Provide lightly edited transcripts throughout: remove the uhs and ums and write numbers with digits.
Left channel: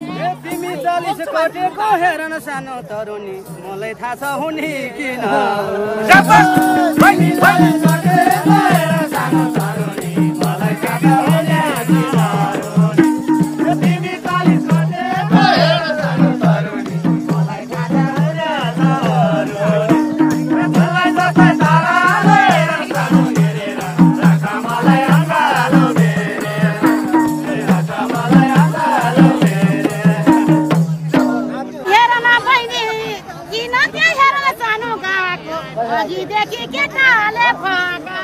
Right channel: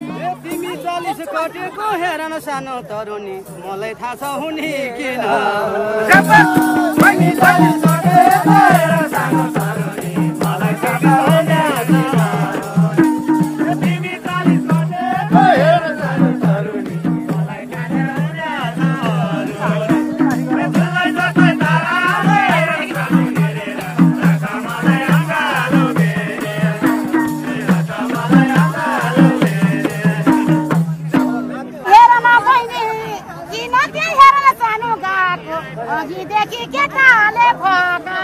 तिमी 40 कटेको हेर न सानो तरुनी मलाई थाहा छ हुने किन तिमी 40 कटेको हेर सानो तरुनी मलाई थाहा छ हुने किन तिमी 40 कटेको हेर सानो तरुनी मलाई थाहा छ देखि केटाले फका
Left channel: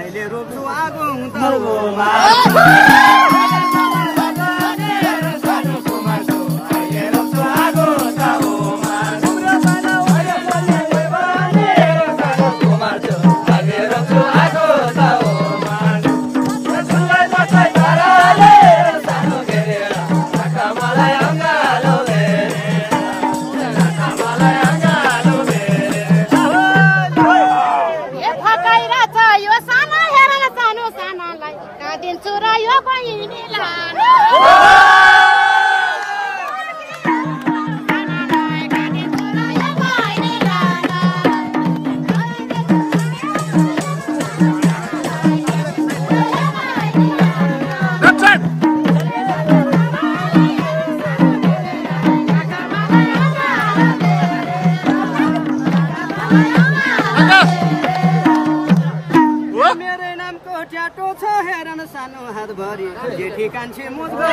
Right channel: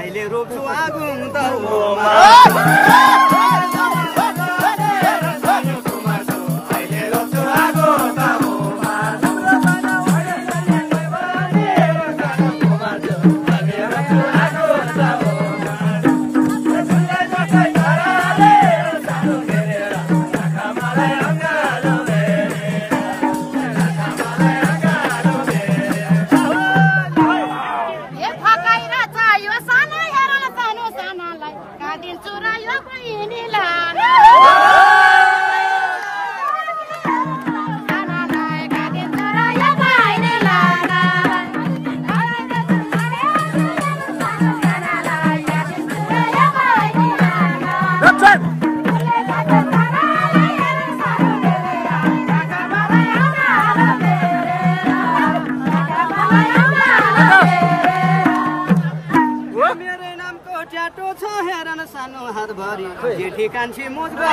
अहिले रोप्छु आगुङ त सानो हात भरि जेठी कान्छी मुझको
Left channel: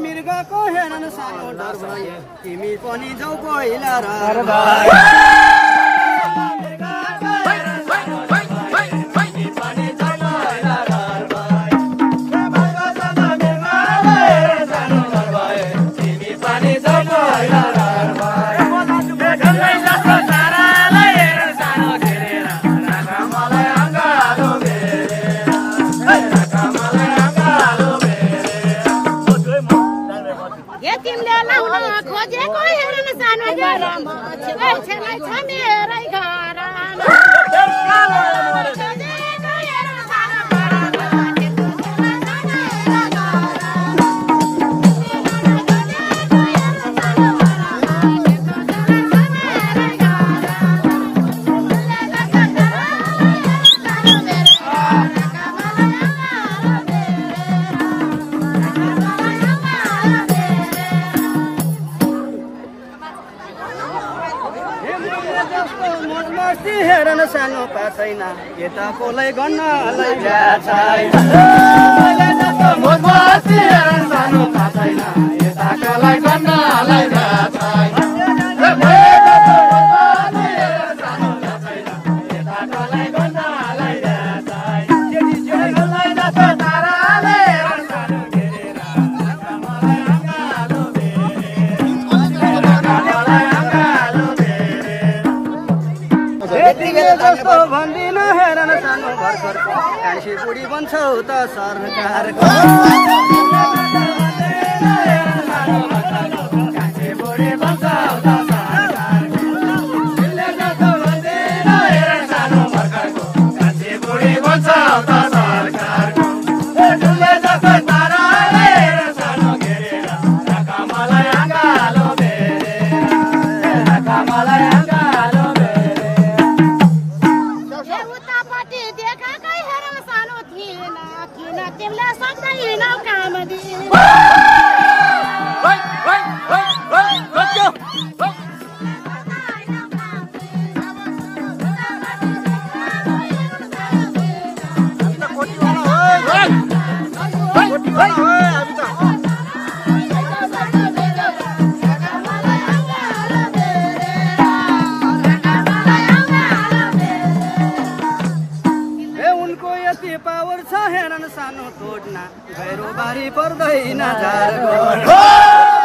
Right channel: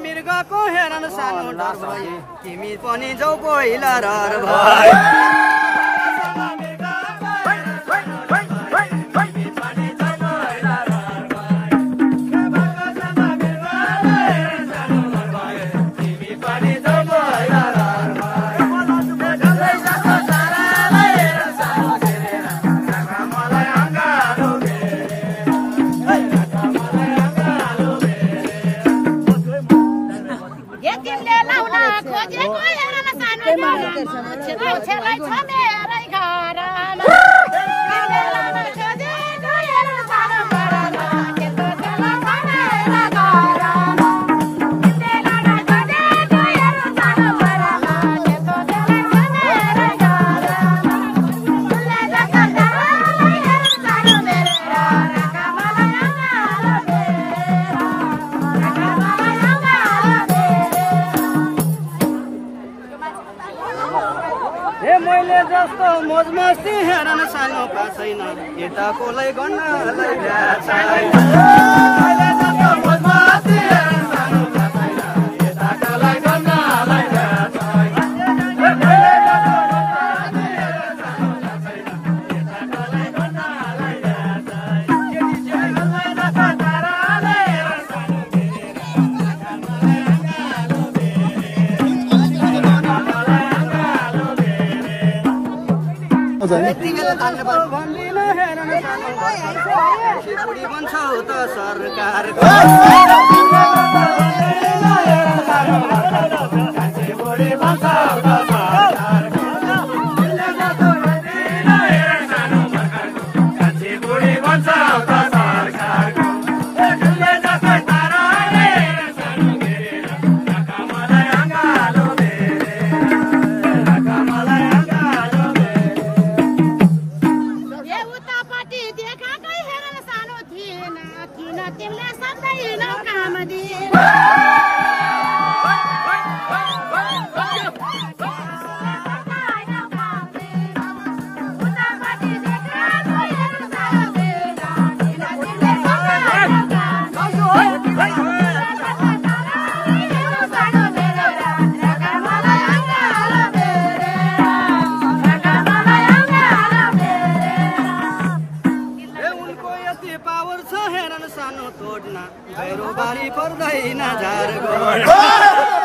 मृगको हेर न सानो डर भए तिमी पनि जाऊ पहिला मस्ती हेर न सानो पासैन यता कोलाई गन्न भन्दिन हेर न सानो कान्छी बुढी बन्छौ त सरकारको कान्छी बुढी बन्छौ त सरकार गैरो बारी पर्दैन झारको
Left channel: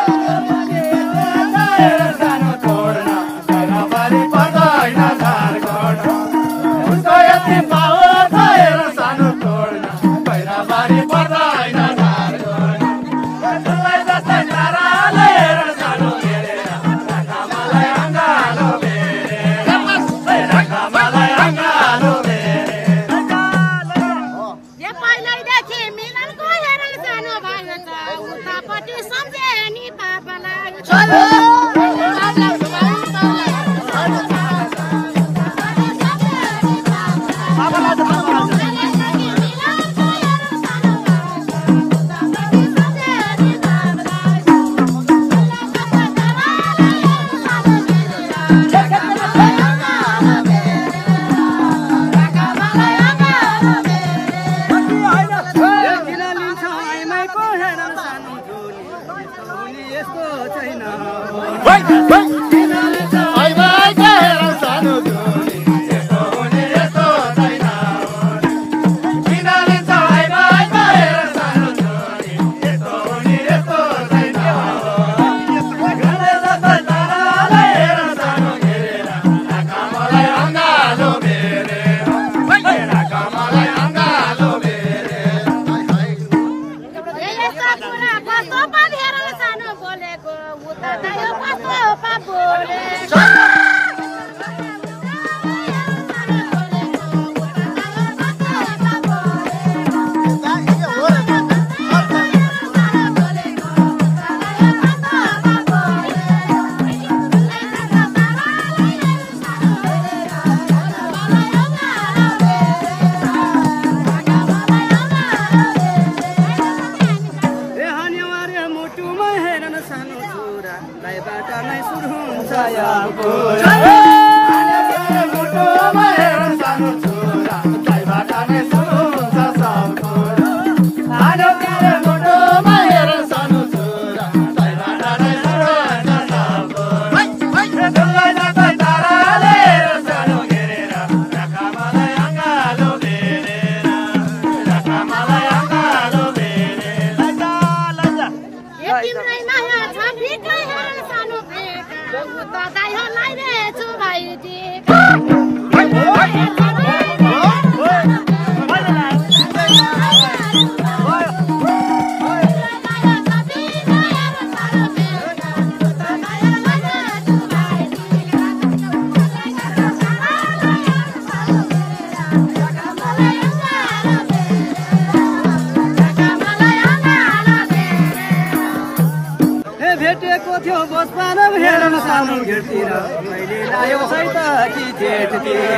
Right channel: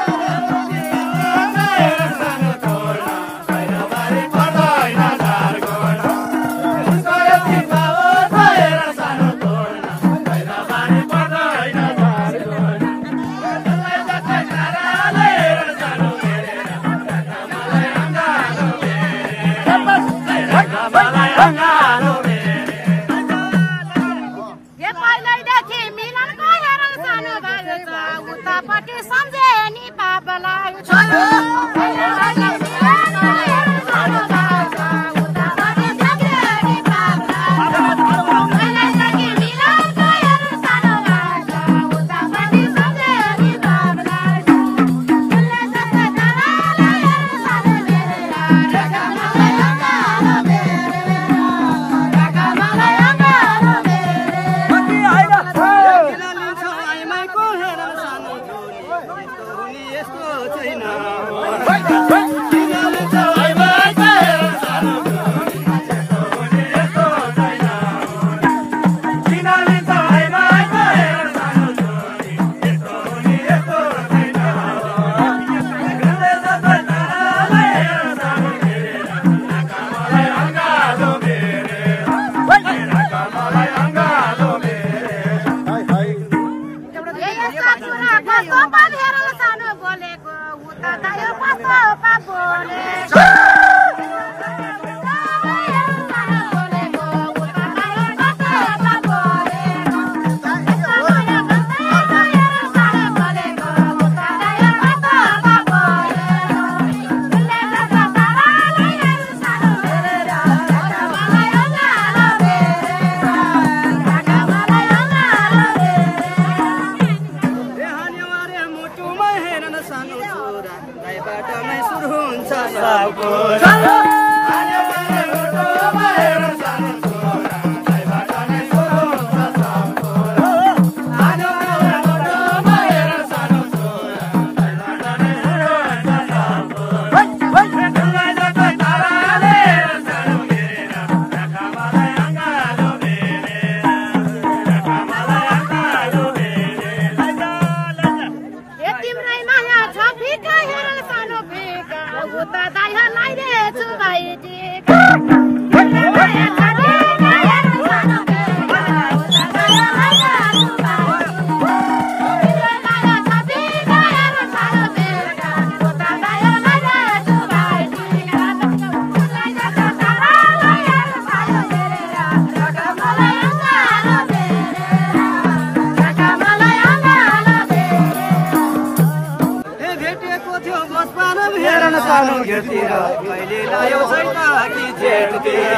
सानो घेरतिर कहिले लायो सैताकी जेठतिर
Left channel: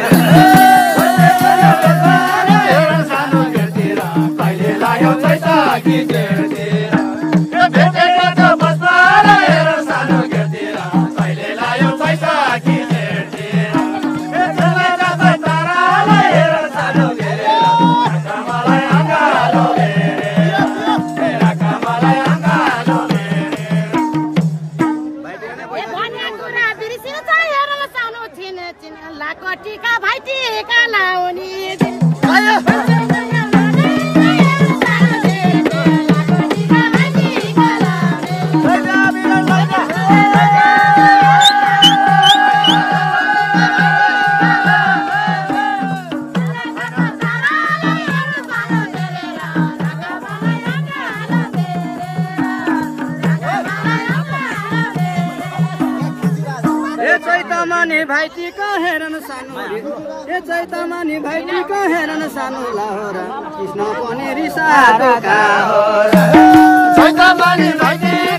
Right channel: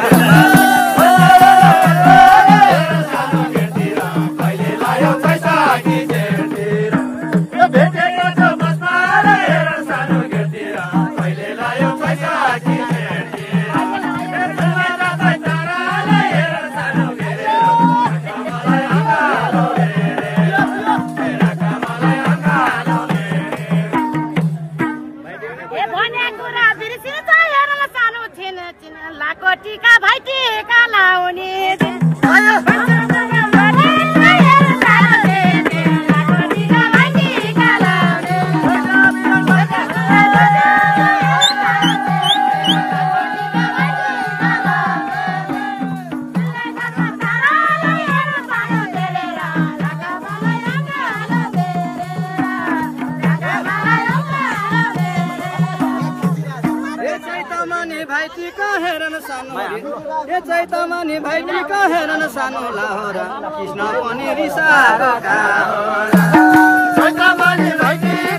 सानो घेरतिर कहिले लायो सैताकी जेठतिर भेटेको छ बस्दा हेर सानो घेरतिर कहिले लायो सैताकी जेठतिर त्यसलाई जाँदा ताराले हेर सानो घेरेर कामलाई अँगालो हेरे मेरा कामलाई अँगालो लाको टीका भाइ टीका लाउने भाइटी कहेरन सानो ए चैतमानी भाइटी कहेरन सानो लाहोरा कृष्ण पनि रिसाएको का हो चैतमानी भाइटी